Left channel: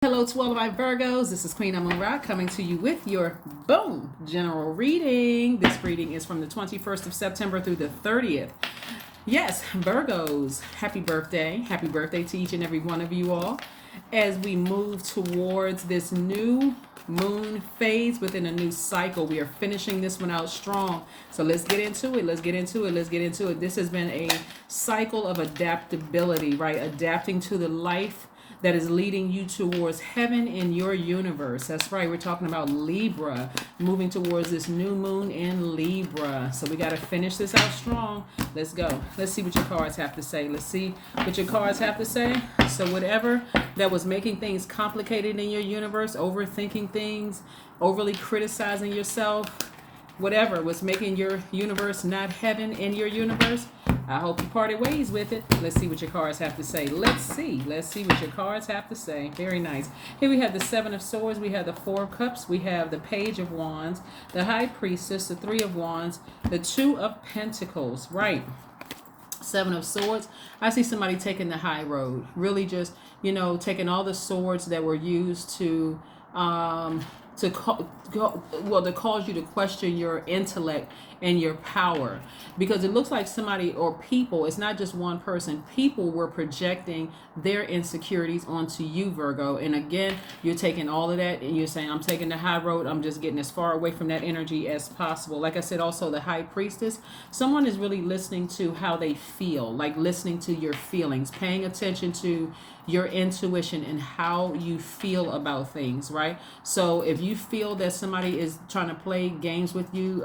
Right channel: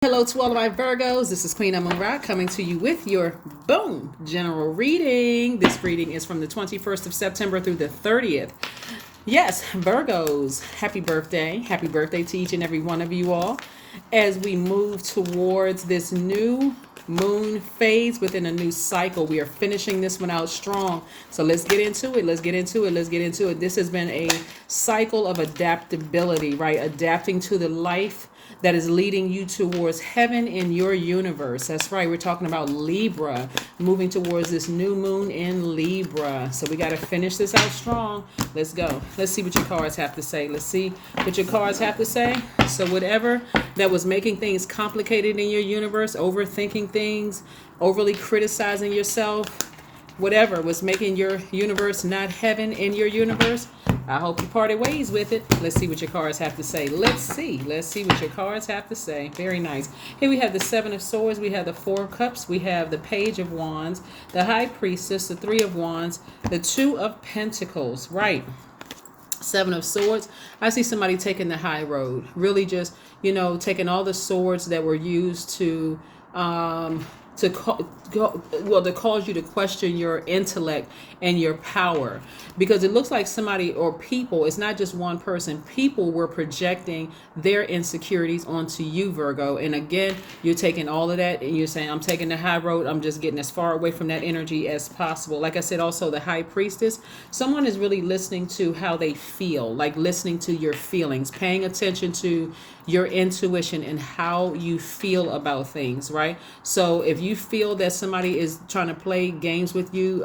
Hello to all of my Virgos. This is Queen Amun Ra coming to you with your boom general reading. This reading is from the 21st of September through the 30th. Yes, Virgos, happy birthday. Happy birthday to each and every one of you all. As we move towards this new moon phase within a new cycle, we are finishing this one out strong. So let's get into it. Let's get into it. Let's get into it. This has been a cycle of adaptability, right? Adapting to the life that is leading you towards heaven in your universe. That's right. We're talking about Libra, moving towards this new moon in Libra. So we got to finish this out strong. Let's go. Let's see what your cards have to say. Let's see what your cards have to say. So whatever that was making things complicated in your universe, overthinking things, overly criticizing yourself, whatever was making your universe not heaven in your universe, I hope you parted ways with it. Let's see what your cards have to say. Let's see what your cards have to say. Very nice. Here we have the Seven of Swords. We have the Four of Cups. We have the Page of Wands, the High Priestess, the Three of Wands, the Two of Pentacles. Right. Seven of Swords. I see somebody taking the high road. Really just, taking all the swords that were used to cause you to question your intellect and your power, because it looks like somebody or people, it's not just one person, people were projecting their insecurities onto you, Virgo. And again, you're taking all of that and you're saying, I'm taking the high road. I'm just getting as far away from that energy as possible. Like I said, also the High Priestess, someone is really listening to how they feel, like listening to your feelings, paying attention to your intuition and how you feel about things, right? So if you feel that somebody is trying to play games with you,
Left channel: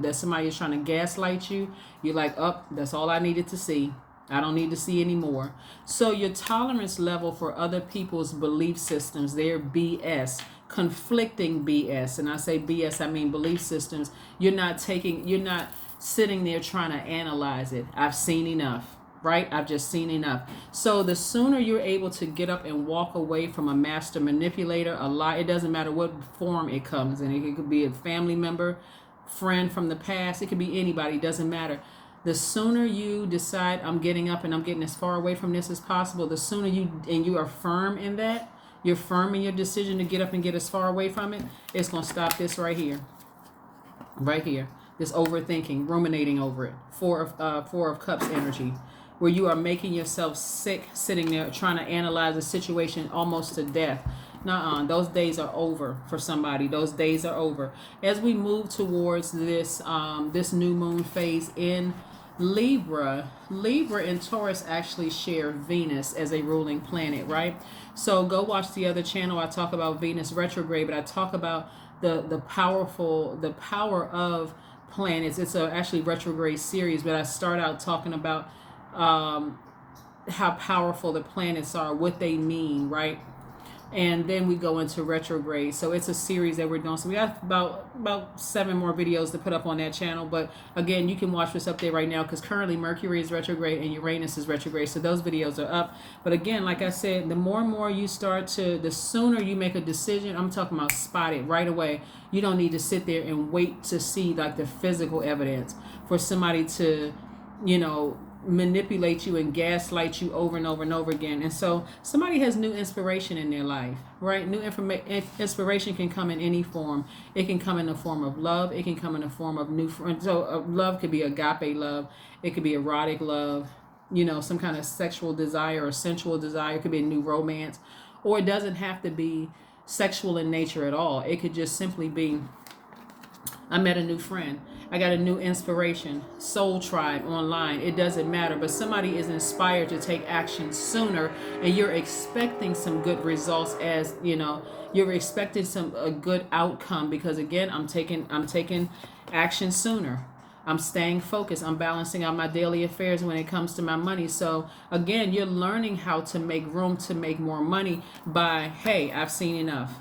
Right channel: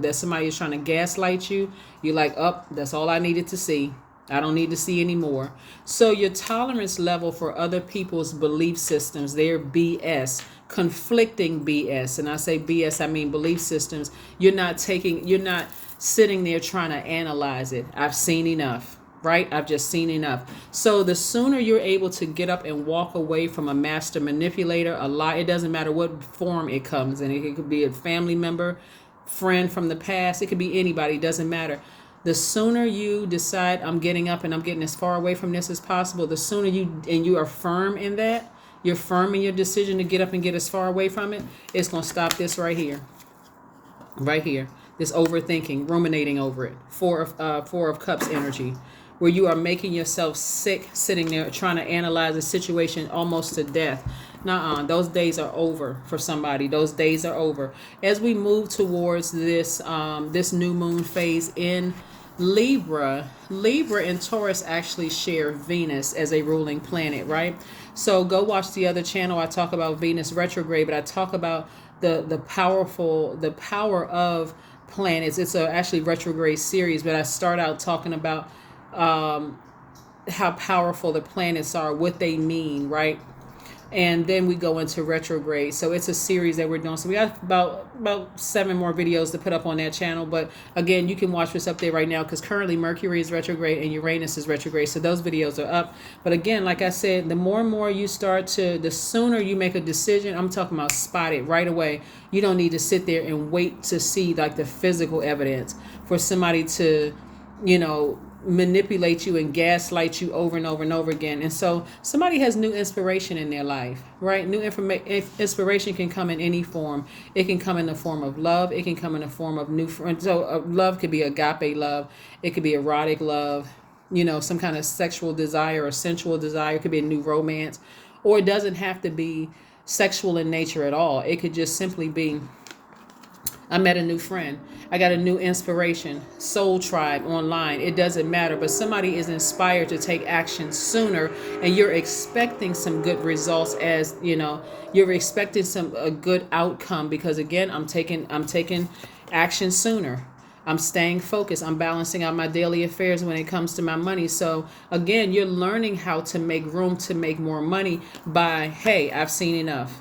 that somebody is trying to gaslight you, you're like, oh, that's all I needed to see. I don't need to see anymore. So your tolerance level for other people's belief systems, their BS, conflicting BS, and I say BS, I mean belief systems, you're not sitting there trying to analyze it. I've seen enough. Right? I've just seen enough. So the sooner you're able to get up and walk away from a master manipulator, a lie, it doesn't matter what form it comes in. It could be a family member, friend from the past. It could be anybody. It doesn't matter. The sooner you decide, I'm getting up and I'm getting as far away from this as possible, the sooner you are firm in that, you're firm in your decision to get up and get as far away from it, it's going to stop this right here. Right here. This overthinking, ruminating over it. Four of Cups energy, where you are making yourself sick, sitting there trying to analyze a situation almost to death. Nuh-uh, those days are over for somebody. Those days are over. As we move towards this new moon phase in Libra, Libra and Taurus actually share Venus as a ruling planet, right? So go watch the other channel. I talk about Venus retrograde, but I talk about the power of planets. It's actually retrograde series, but I start out talking about how powerful the planets are, what they mean, right? And then we go into retrograde. So it's a series that we're doing. So we got about 7 more videos to put up on that channel. But again, you can watch what's up there right now, because currently Mercury is retrograde and Uranus is retrograde. So those videos are up. But again, like I said, the more and more you the sooner you make a decision, I'm talking about spot it right away. You don't need to sit there and wait to see like the physical evidence for somebody to, manipulate you and gaslight you over and over and over again. And so somebody has new inspiration in their life, right? New inspiration can come in any form. It can come in the form of love. It can come in the form of new friends. So love could be agape love. It could be erotic love, some kind of sexual desire or sensual desire. It could be a new romance, or it doesn't have to be sexual in nature at all. It could just simply be, I met a new friend. I got a new inspiration. Soul Tribe online. It doesn't matter. But somebody is inspired to take action sooner, and you're expecting some good results, as you're expecting a good outcome, because again, I'm taking action sooner. I'm staying focused. I'm balancing out my daily affairs when it comes to my money. So again, you're learning how to make room to make more money by, hey, I've seen enough.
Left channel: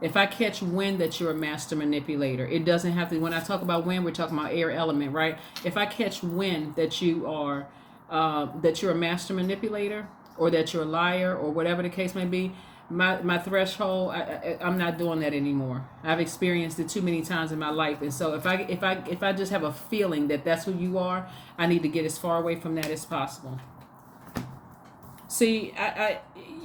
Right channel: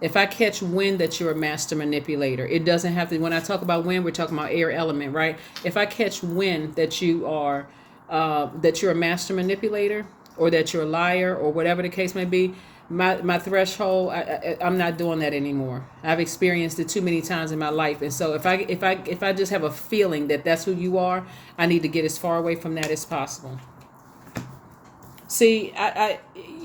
If I catch wind that you're a master manipulator, it doesn't have to, when I talk about wind, we're talking about air element, right? If I catch wind that you're a master manipulator, or that you're a liar, or whatever the case may be, my threshold, I'm not doing that anymore. I've experienced it too many times in my life. And so if I just have a feeling that that's who you are, I need to get as far away from that as possible. See,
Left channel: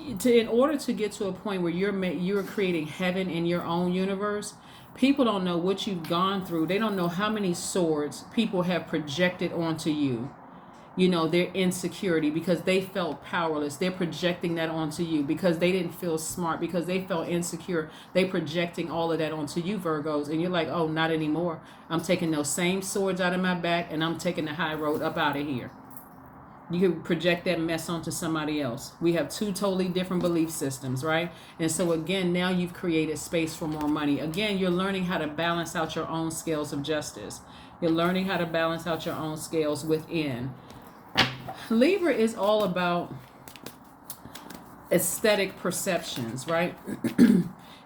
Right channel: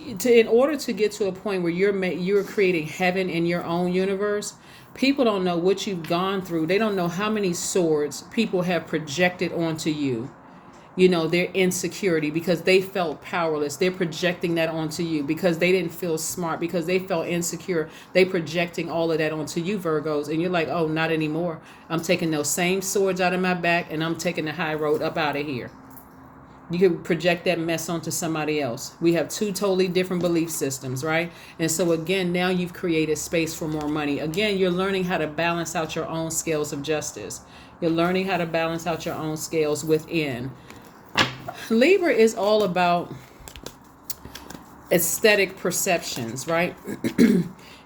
in order to get to a point where you're creating heaven in your own universe, people don't know what you've gone through. They don't know how many swords people have projected onto you. Their insecurity, because they felt powerless. They're projecting that onto you because they didn't feel smart, because they felt insecure. They projecting all of that onto you, Virgos, and you're like, oh, not anymore. I'm taking those same swords out of my back and I'm taking the high road up out of here. You can project that mess onto somebody else. We have two totally different belief systems, right? And so again, now you've created space for more money. Again, you're learning how to balance out your own scales of justice. You're learning how to balance out your own scales within. Libra is all about aesthetic perceptions, right?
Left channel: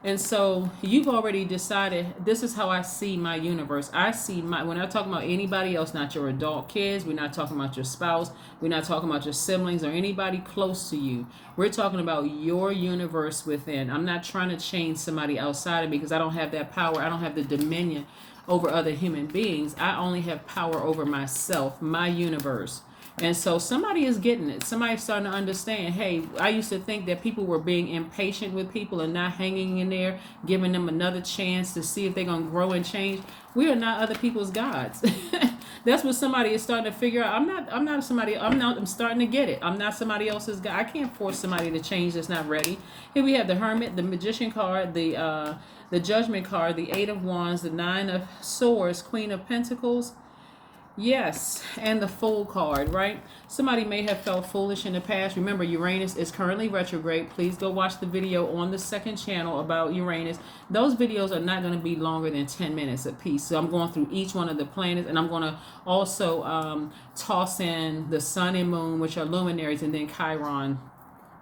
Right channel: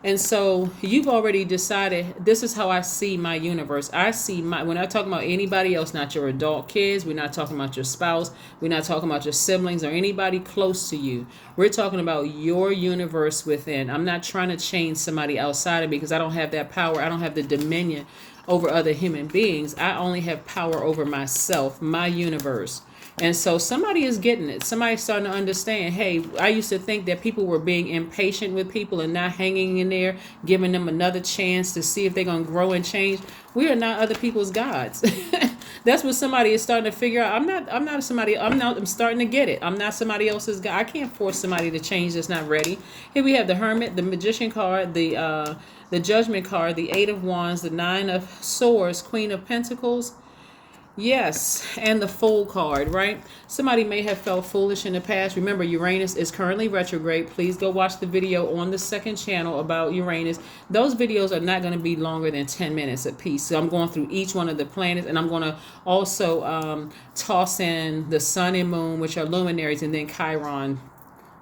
And so you've already decided, this is how I see my universe. When I talk about anybody else, not your adult kids, we're not talking about your spouse, we're not talking about your siblings or anybody close to you. We're talking about your universe within. I'm not trying to change somebody outside of me because I don't have that power. I don't have the dominion over other human beings. I only have power over myself, my universe. And so somebody is getting it. Somebody's starting to understand, hey, I used to think that people were being impatient with people and not hanging in there, giving them another chance to see if they're going to grow and change. We are not other people's gods. That's what somebody is starting to figure out. I'm starting to get it. I'm not somebody else's God. I can't force somebody to change that's not ready. Here we have the Hermit, the Magician card, the Judgment card, the Eight of Wands, the Nine of Swords, Queen of Pentacles. Yes, and the Fool card, right? Somebody may have felt foolish in the past. Remember, Uranus is currently retrograde. Please go watch the video on the second channel about Uranus. Those videos are not going to be longer than 10 minutes a piece. So I'm going through each one of the planets, and I'm going to also toss in the Sun and Moon, which are luminaries, and then Chiron.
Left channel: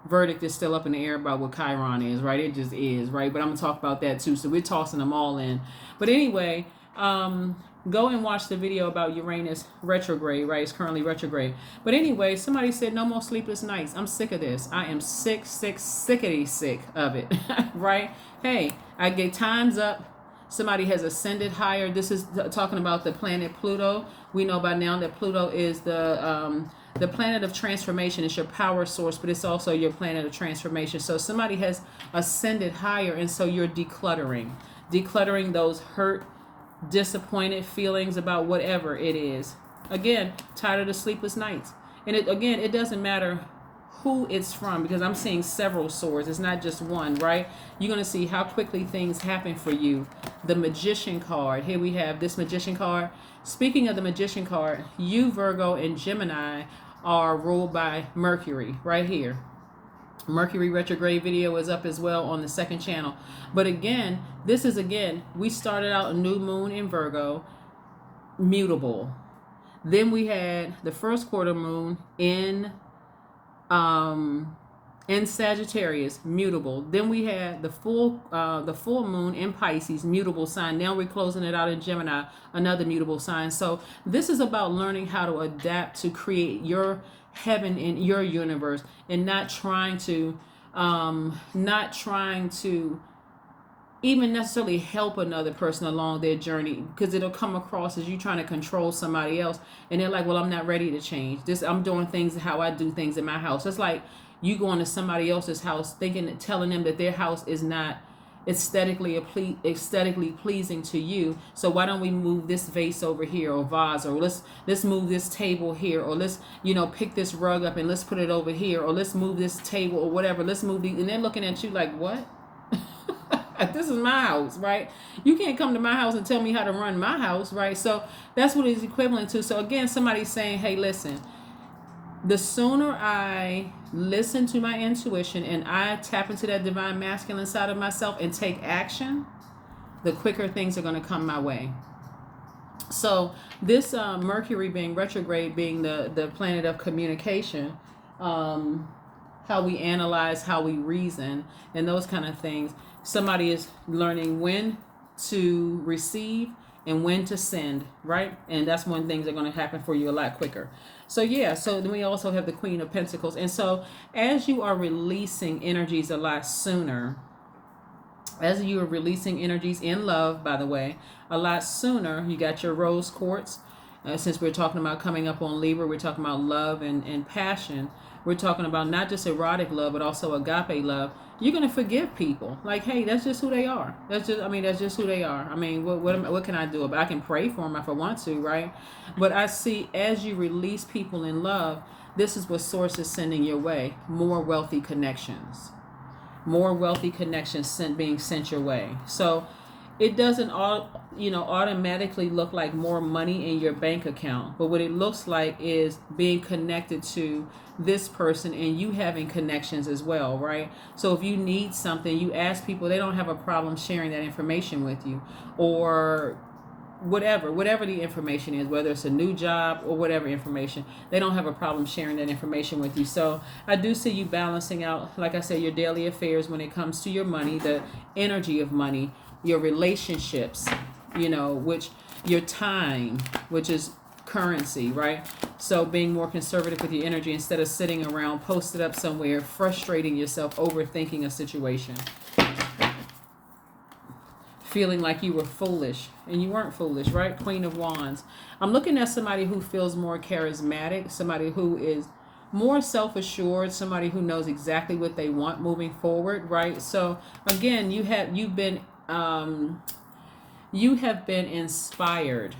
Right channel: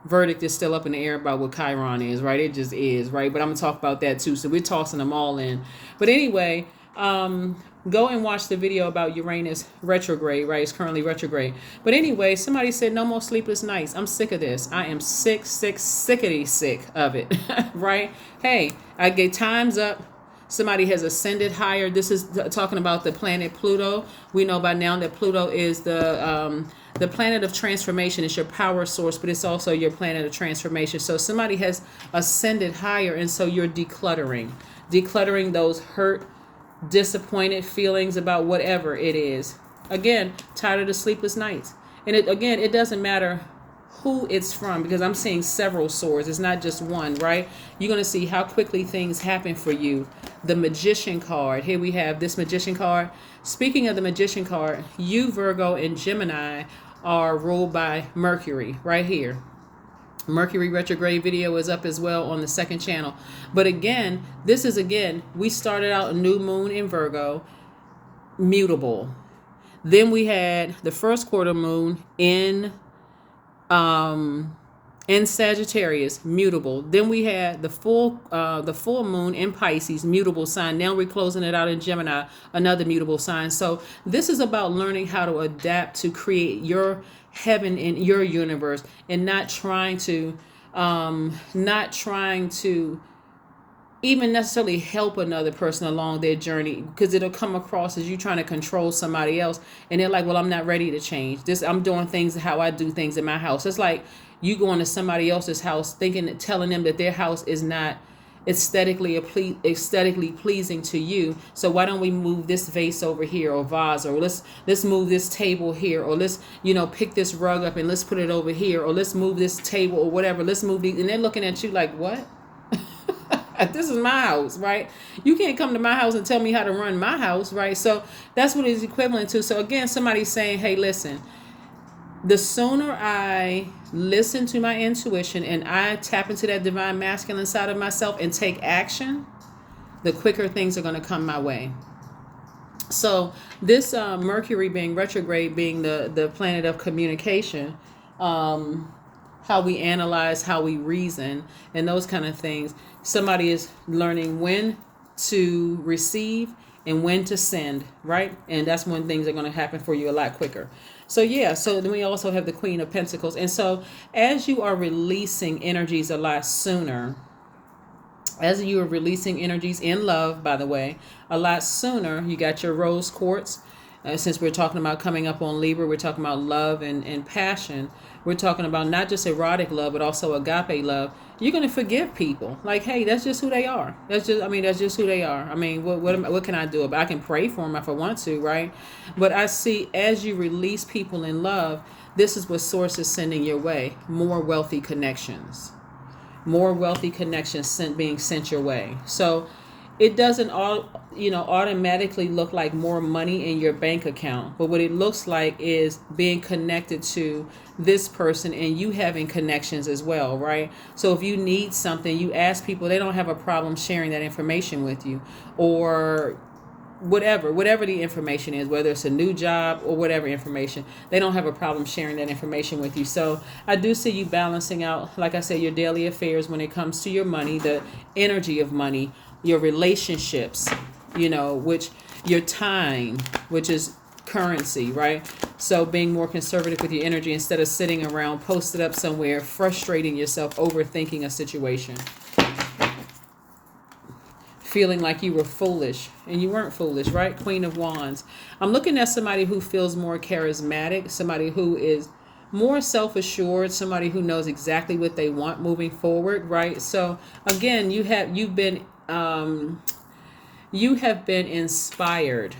Verdict is still up in the air about what Chiron is, right? It just is, right? But I'm going to talk about that too. So we're tossing them all in. But anyway, go and watch the video about Uranus retrograde, right? It's currently retrograde. But anyway, somebody said no more sleepless nights. I'm sick of this. I am sick of it, right? Hey, I get time's up. Somebody has ascended higher. This is talking about the planet Pluto. We know by now that Pluto is the planet of transformation. It's your power source, but it's also your planet of transformation. So somebody has ascended higher, and so you're decluttering those hurt, disappointed feelings about whatever it is. Again, tired of the sleepless nights. And it doesn't matter who it's from, because I'm seeing several swords. It's not just one, right? You're going to see how quickly things happen for you. The Magician card. Here we have this Magician card. Speaking of the Magician card, you, Virgo, and Gemini are ruled by Mercury right here. Mercury retrograde video is up as well on the second channel. But again, we started out a new moon in Virgo, mutable. Then we had the first quarter moon in Sagittarius, mutable. Then we had the full moon in Pisces, mutable sign. Now we're closing it out in Gemini, another mutable sign. So this is about learning how to adapt to create your heaven in your universe, and not trying to even necessarily help another person along their journey, because it'll come across as you trying to control somebody else, and they're like, well, I'm not ready to change this. I'm doing things how I do things in my house. It's like you going to somebody else's house telling them that their house is not aesthetically pleasing to you. So why don't we move this vase over here, or vase, or let's move this table here, or let's pick this rug up and let's put it over here, or let's move this table, or whatever. Let's move these, and they're looking at you like, what? This is my house, right? You can't come to my house and tell me how to run my house, right? So that's what it's equivalent to. So again, somebody's saying, hey, listen, the sooner I listen to my intuition and I tap into that divine masculine side of myself and take action, the quicker things are going to come my way. So this Mercury being retrograde, being the planet of communication, how we analyze, how we reason, and those kind of things. Somebody is learning when to receive and when to send, right? And that's when things are going to happen for you a lot quicker. So yeah, so then we also have the Queen of Pentacles. And so as you are releasing energies a lot sooner, as you are releasing energies in love, by the way, a lot sooner, you got your rose quartz. Since we're talking about coming up on Libra, we're talking about love and passion. we're talking about not just erotic love, but also agape love. You're gonna forgive people. Like, hey, that's just who they are. That's just who they are. I mean, what can I do about it? I can pray for them if I want to, right? But I see as you release people in love, this is what Source is sending your way: more wealthy connections being sent your way. So it doesn't automatically look like more money in your bank account, but what it looks like is being connected to this person and you having connections as well, right? So if you need something, you ask people, they don't have a problem sharing that information with you, or whatever the information is, whether it's a new job or whatever information, they don't have a problem sharing that information with you. So I do see you balancing out, like I said, your daily affairs when it comes to your money, the energy of money, your relationships, which your time, which is currency, right? So being more conservative with your energy instead of sitting around posted up somewhere frustrating yourself, overthinking a situation, feeling like you were foolish, and you weren't foolish, right? Queen of Wands. I'm looking at somebody who feels more charismatic, somebody who is more self-assured, somebody who knows exactly what they want moving forward, right? So again, you have been inspired,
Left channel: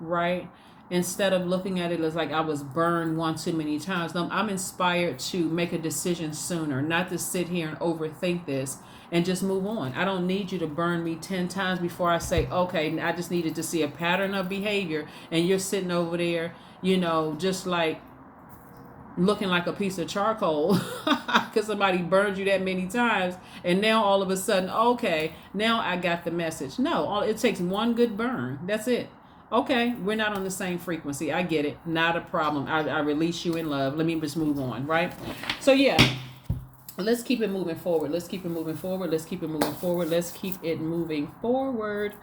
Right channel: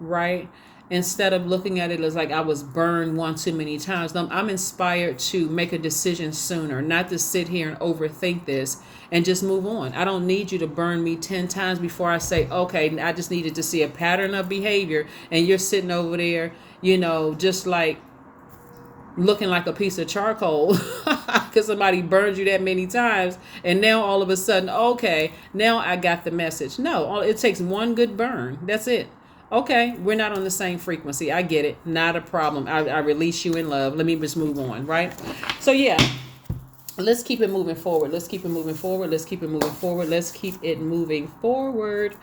right? Instead of looking at it as like I was burned one too many times, I'm inspired to make a decision sooner, not to sit here and overthink this and just move on. I don't need you to burn me 10 times before I say, okay, I just needed to see a pattern of behavior, and you're sitting over there, just like looking like a piece of charcoal because somebody burned you that many times, and now all of a sudden, okay, now I got the message. No, it takes one good burn. That's it. Okay, we're not on the same frequency. I get it. Not a problem. I release you in love. Let me just move on, right? So yeah, let's keep it moving forward. Let's keep it moving forward. Let's keep it moving forward. Let's keep it moving forward.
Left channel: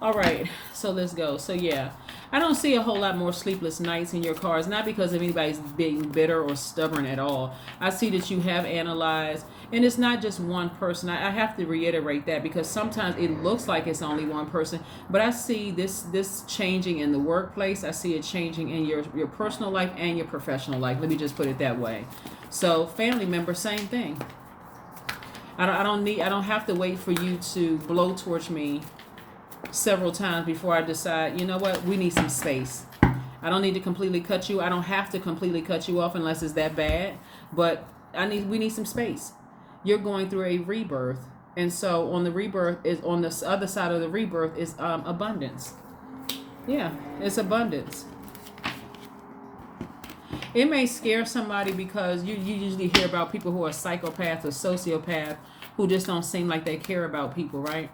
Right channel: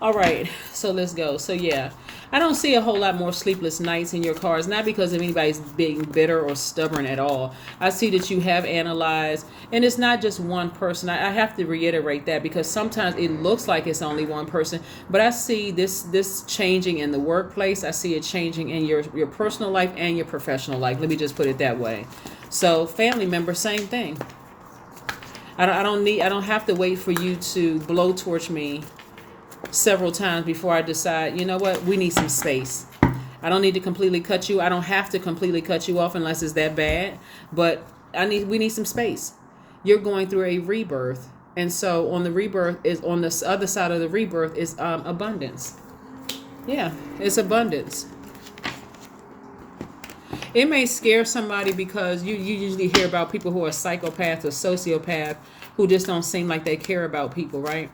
All right, so let's go. So yeah, I don't see a whole lot more sleepless nights in your cards, not because of anybody's being bitter or stubborn at all. I see that you have analyzed, and it's not just one person. I have to reiterate that because sometimes it looks like it's only one person, but I see this changing in the workplace. I see it changing in your personal life and your professional life. Let me just put it that way. So family member, same thing. I don't have to wait for you to blowtorch me several times before I decide, you know what, we need some space. I don't need to completely cut you. I don't have to completely cut you off unless it's that bad, but we need some space. You're going through a rebirth, and so on the other side of the rebirth is abundance. Yeah, it's abundance. It may scare somebody because you usually hear about people who are psychopaths or sociopaths who just don't seem like they care about people, right?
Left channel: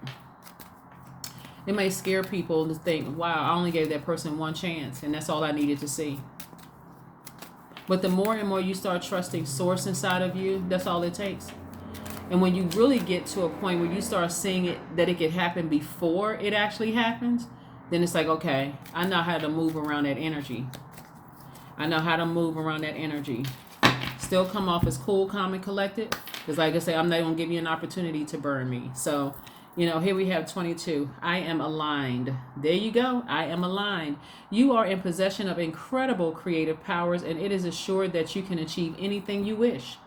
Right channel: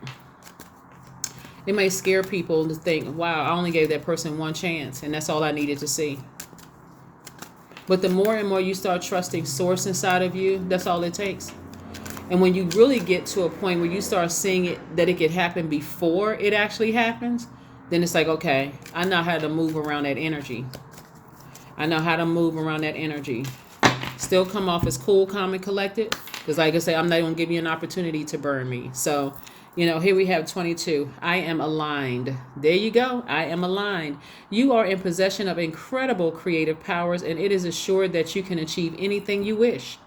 It may scare people to think, wow, I only gave that person one chance, and that's all I needed to see. But the more and more you start trusting Source inside of you, that's all it takes. And when you really get to a point where you start seeing it, that it could happen before it actually happens, then it's like, okay, I know how to move around that energy. Still come off as cool, calm, and collected. Because like I say, I'm not going to give you an opportunity to burn me. So, here we have 22. I am aligned. There you go. I am aligned. You are in possession of incredible creative powers, and it is assured that you can achieve anything you wish.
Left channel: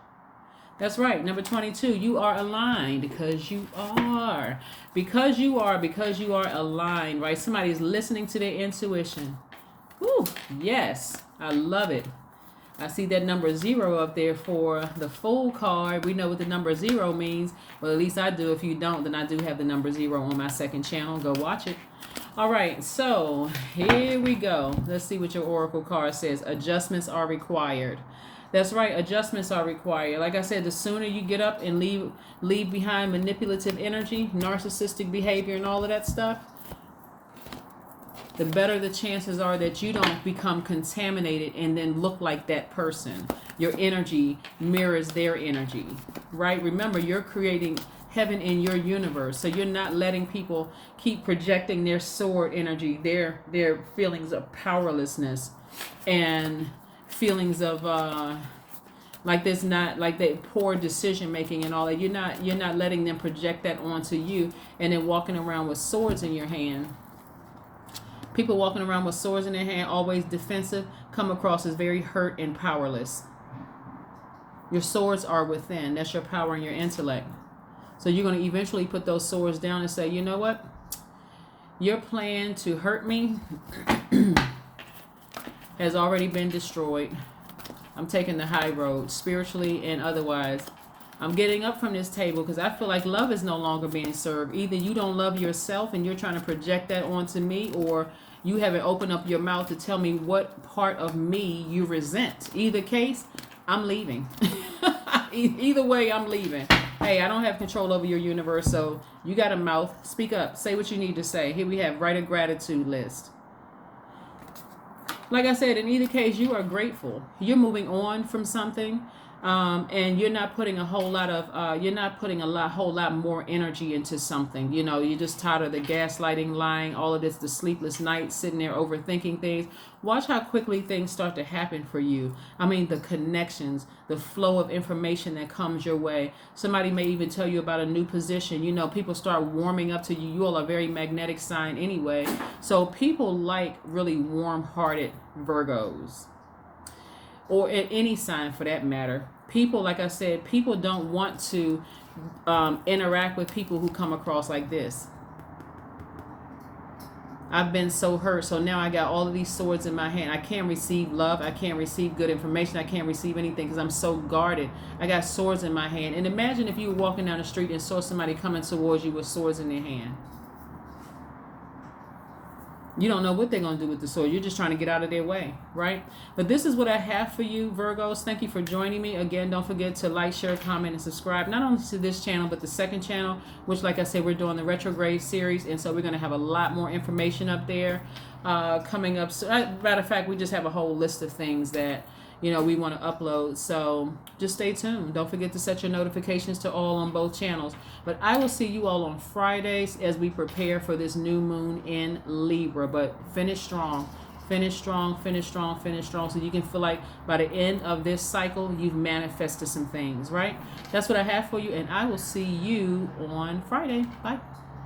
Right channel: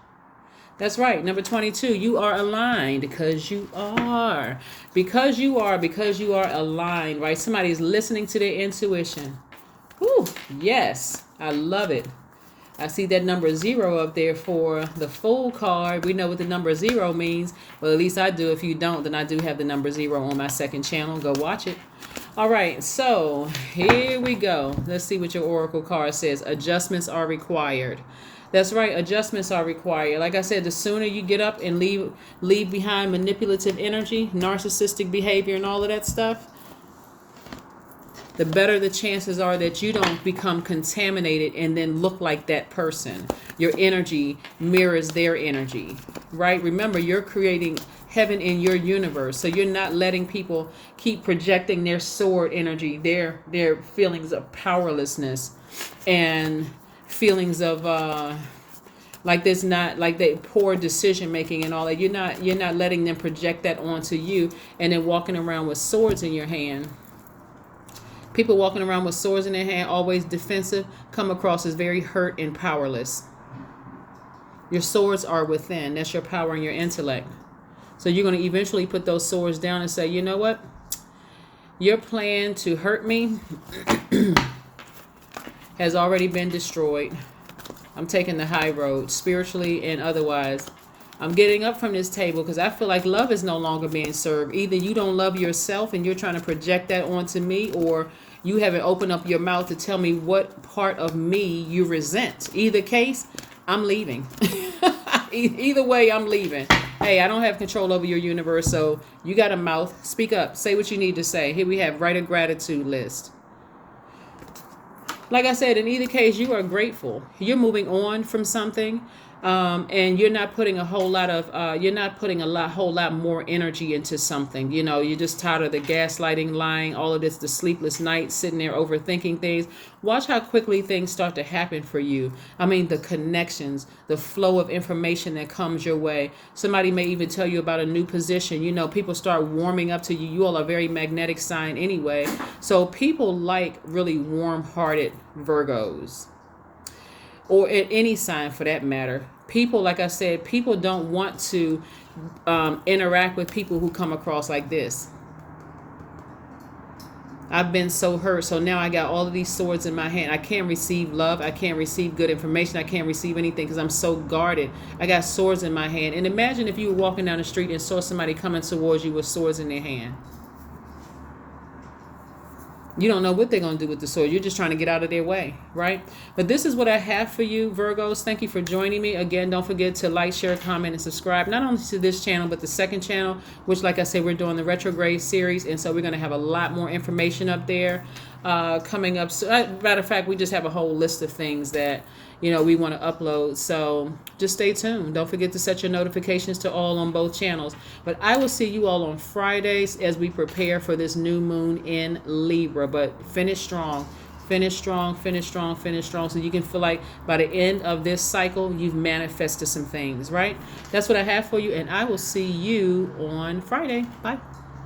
That's right. Number 22, you are aligned because you are. Because you are aligned, right? Somebody is listening to their intuition. Whew, yes. I love it. I see that number 0 up there for the Fool card. We know what the number 0 means. Well, at least I do. If you don't, then I do have the number 0 on my second channel. Go watch it. All right, so here we go. Let's see what your Oracle card says. Adjustments are required. That's right, adjustments are required. Like I said, the sooner you get up and leave behind manipulative energy, narcissistic behavior, and all of that stuff, the better the chances are that you don't become contaminated and then look like that person. Your energy mirrors their energy, right? Remember, you're creating heaven in your universe. So you're not letting people keep projecting their sword energy, their feelings of powerlessness and feelings of like there's not like that poor decision making and all that. You're not letting them project that onto you and then walking around with swords in your hand. People walking around with swords in their hand, always defensive, come across as very hurt and powerless. Your swords are within. That's your power and your intellect. So you're going to eventually put those swords down and say, you know what? Your plan to hurt me has already been destroyed. I'm taking the high road, spiritually and otherwise. I'm getting up from this table because I feel like love is no longer being served. Either you don't love yourself and you're trying to project that onto me, or you haven't opened up your mouth to tell me what part of me you resent. Either case, I'm leaving. Either way, I'm leaving. Hey, I don't have control over your universe, so you got a mouth. Speak up. Say what you need to say. Here we have write a gratitude list. Like I said, in either case, you are grateful. You're moving on from something, and you're not putting a whole lot of, whole lot more energy into something. You know, you're just tired of the gaslighting, lying, all of this, the sleepless nights, sitting there overthinking things. Watch how quickly things start to happen for you. I mean, the connections, the flow of information that comes your way. Somebody may even tell you about a new position. You know, people start warming up to you. You all are a very magnetic sign anyway. So people like really warm-hearted Virgos, or in any sign for that matter. People, like I said, people don't want to interact with people who come across like this. I've been so hurt, so now I got all of these swords in my hand. I can't receive love. I can't receive good information. I can't receive anything because I'm so guarded. I got swords in my hand. And imagine if you were walking down the street and saw somebody coming towards you with swords in their hand. You don't know what they're going to do with the sword. You're just trying to get out of their way, right? But this is what I have for you, Virgos. Thank you for joining me. Again, don't forget to like, share, comment, and subscribe, not only to this channel, but the second channel, which, like I said, we're doing the retrograde series. And so we're going to have a lot more information up there coming up. So, matter of fact, we just have a whole list of things that, you know, we want to upload. So just stay tuned. Don't forget to set your notifications to all on both channels. But I will see you all on Fridays as we prepare for this new moon in Libra. But finish strong. Finish strong, finish strong, finish strong. So you can feel like by the end of this cycle, you've manifested some things, right? That's what I have for you. And I will see you on Friday. Bye.